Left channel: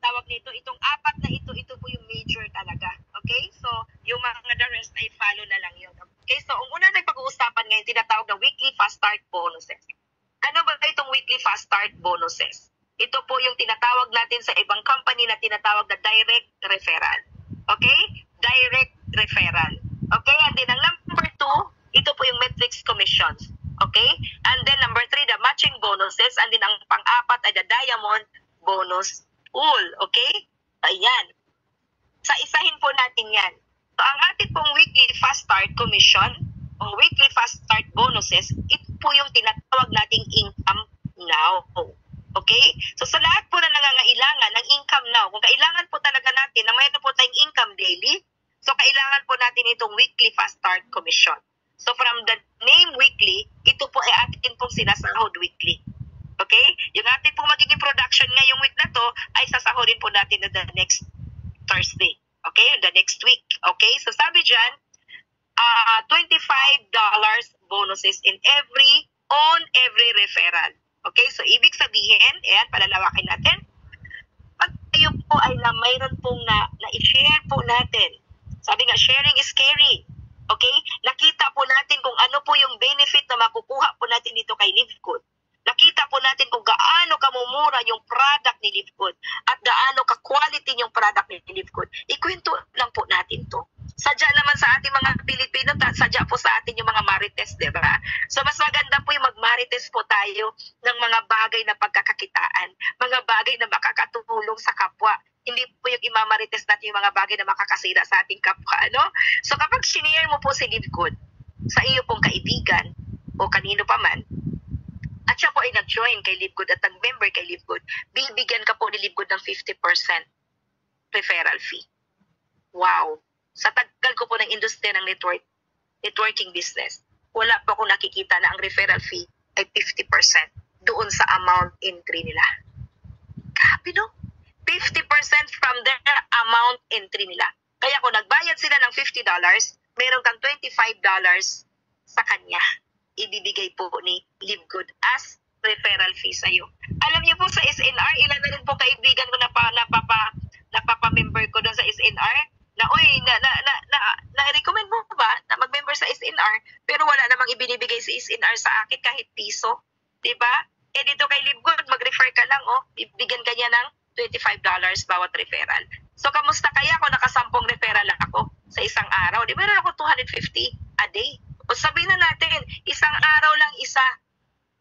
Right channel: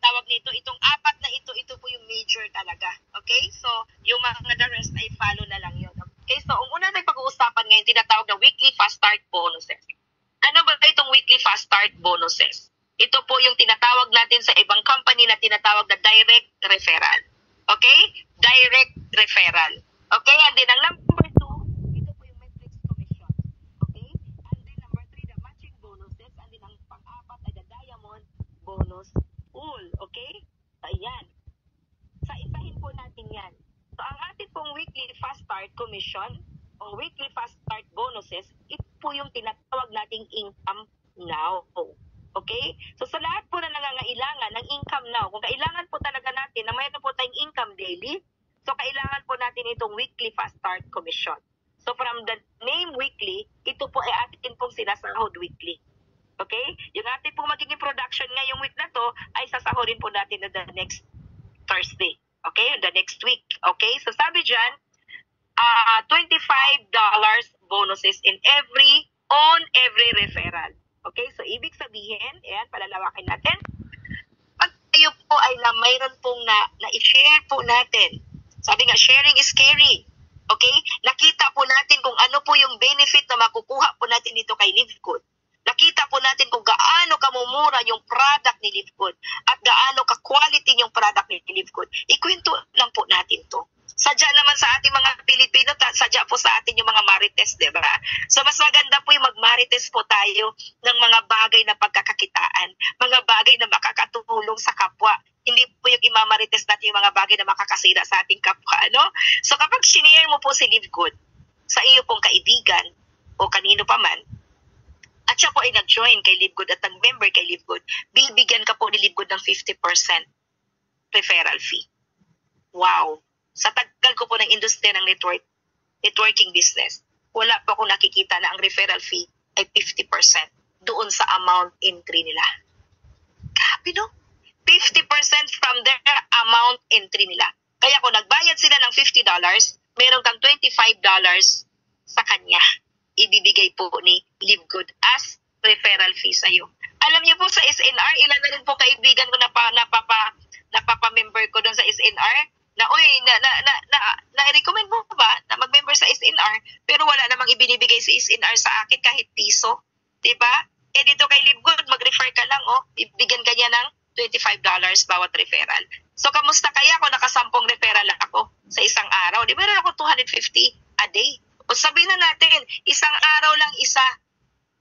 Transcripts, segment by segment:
tawag nito, itong apat na ito po yung major talaga. Okay? So, yung mga the rest ay follow na lang yun. Okay? So, ang una na pag-uusapan ngayon, tinatawag na weekly fast start bonuses. Ano ba itong weekly fast start bonuses? Ito po yung tinatawag natin sa ibang company na tinatawag na direct referral. Okay? Direct referral. Okay? And then ang number 2, ito po yung metrics commissions. Okay? And then number 3, the matching bonuses. And then ang pang-apat ay the diamond bonus pool. Okay? Ayan. Sa isahin po natin yan. So ang ating pong weekly fast start commission o weekly fast start bonuses, ito po yung tinatawag nating income now. Okay? So sa lahat po na nangangailangan ng income now, kung kailangan po talaga natin na mayroon po tayong income daily, so kailangan po natin itong weekly fast start commission. So from the name weekly, ito po ay atin pong sinasahod weekly. Okay? Yung ating pong magiging production ngayong week na to ay sasahodin po natin na the next Thursday. Okay? The next week. Okay? So sabi dyan, $25 bonuses on every referral. Okay? So ibig sabihin, ayan, palalawakin natin. Pag kayo po ay mayroon pong na-share po natin. Sabi nga, sharing is caring. Okay? Nakita po natin kung ano po yung benefit na makukuha po natin dito kay Livegood. Nakita po natin kung gaano kamumura yung product ni Livegood at gaano ka-quality yung product ni Livegood. Ikwento lang po natin to. Sadya naman sa ating mga Pilipino, sadya po sa atin yung mga marites, di ba? So mas maganda po yung magmarites po tayo ng mga bagay na pagkakakitaan, mga bagay na makakatulong sa kapwa. Hindi po yung imamarites natin yung mga bagay na makakasira sa ating kapwa, ano? So kapag sinare mo po si Livegood sa iyo pong kaibigan o kanino pa man, at siya po ay nag-join kay Livegood at nag-member kay Livegood, bibigyan ka po ni Livegood ng 50% referral fee. Wow! Sa tagal ko po ng industriya ng networking business, wala po ako nakikita na ang referral fee ay 50% doon sa amount entry nila. Grabe, no? 50% from their amount entry nila. Kaya kung nagbayad sila ng $50, meron kang $25 sa kanya. Ibibigay po ni Livegood as referral fee sa'yo. Alam niyo po sa SNR, ilan na rin po kaibigan ko napapa-member ko doon sa SNR, na na-recommend mo ba na mag-member sa SNR pero wala namang ibinibigay sa SNR sa akin kahit piso, 'di ba? Eh dito kay Livegood, mag-refer ka lang, bibigyan ka niya ng $25 bawat referral. So kamusta kaya kung nakasampung referral ako sa isang araw? Di ba meron ako 250 a day? O sabihin na natin, isang araw lang isa.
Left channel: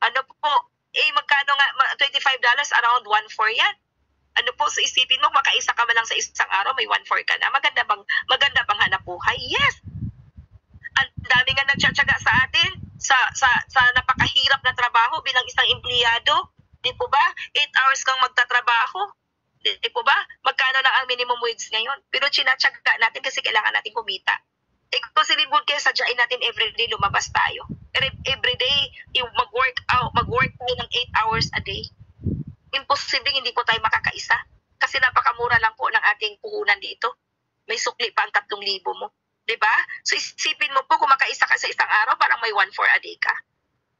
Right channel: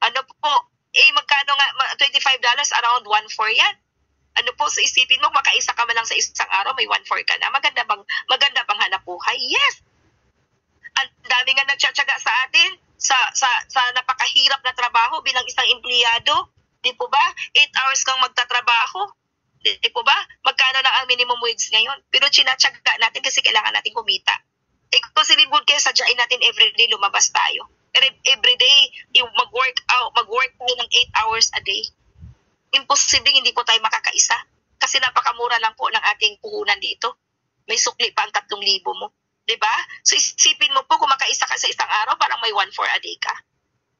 Ano po? Magkano nga $25 around 1/4 yan. Ano po, sa isipin mo, makaisa ka man lang sa isang araw, may 1/4 ka na. Maganda bang hanap buhay? Yes! Ang dami nga nagtsatsaga sa atin sa napakahirap na trabaho bilang isang empleyado. Di po ba? 8 hours kang magtatrabaho. Di po ba? Magkano na ang minimum wage ngayon? Pero sinatsaga natin kasi kailangan natin kumita. Kung si Livegood, kaya sadyain natin everyday lumabas tayo. Everyday, mag-work tayo ng 8 hours a day. Imposible hindi po tayo makakaisa. Kasi napakamura lang po ng ating puhunan dito. May sukli pa ang 3,000 mo. Diba? So isipin mo po, kung makaisa ka sa isang araw, parang may 1/4 a day ka.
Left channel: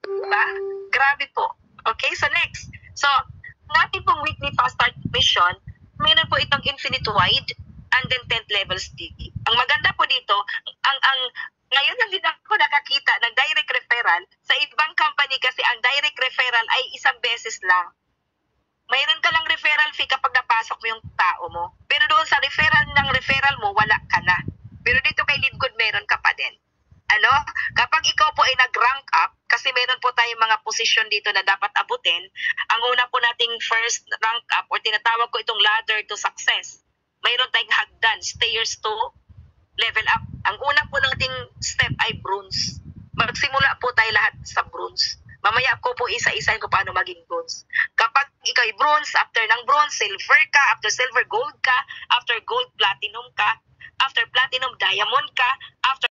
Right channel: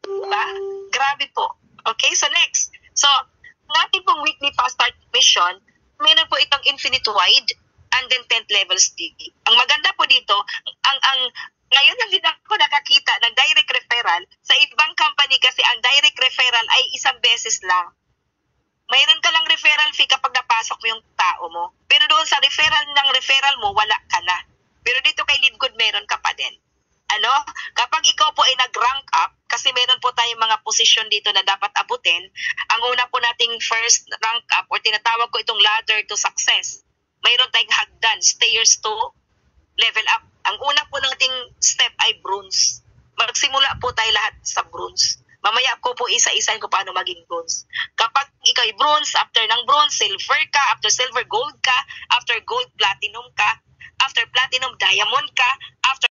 Diba? Grabe po. Okay, so next. So, natin pong weekly fast start mission, meron po itong infinite wide and then 10th level sticky. Ang maganda po dito, ngayon lang din ako nakakita ng direct referral. Sa ibang company kasi ang direct referral ay isang beses lang. Mayroon ka lang referral fee kapag napasok mo yung tao mo. Pero doon sa referral mo, wala ka na. Pero dito kay Livegood, meron ka pa din. Ano? Kapag ikaw po ay nag-rank up, kasi meron po tayong mga posisyon dito na dapat abutin, ang una po nating first rank up, or tinatawag ko itong ladder to success. Mayroon tayong hagdan, stairs to level up. Ang una po nating step ay bronze. Magsimula po tayo lahat sa bronze. Mamaya ko po isa-isahin ko paano maging bronze. Kapag ikaw ay bronze, after ng bronze, silver ka, after silver, gold ka, after gold, platinum ka, after platinum, diamond ka, after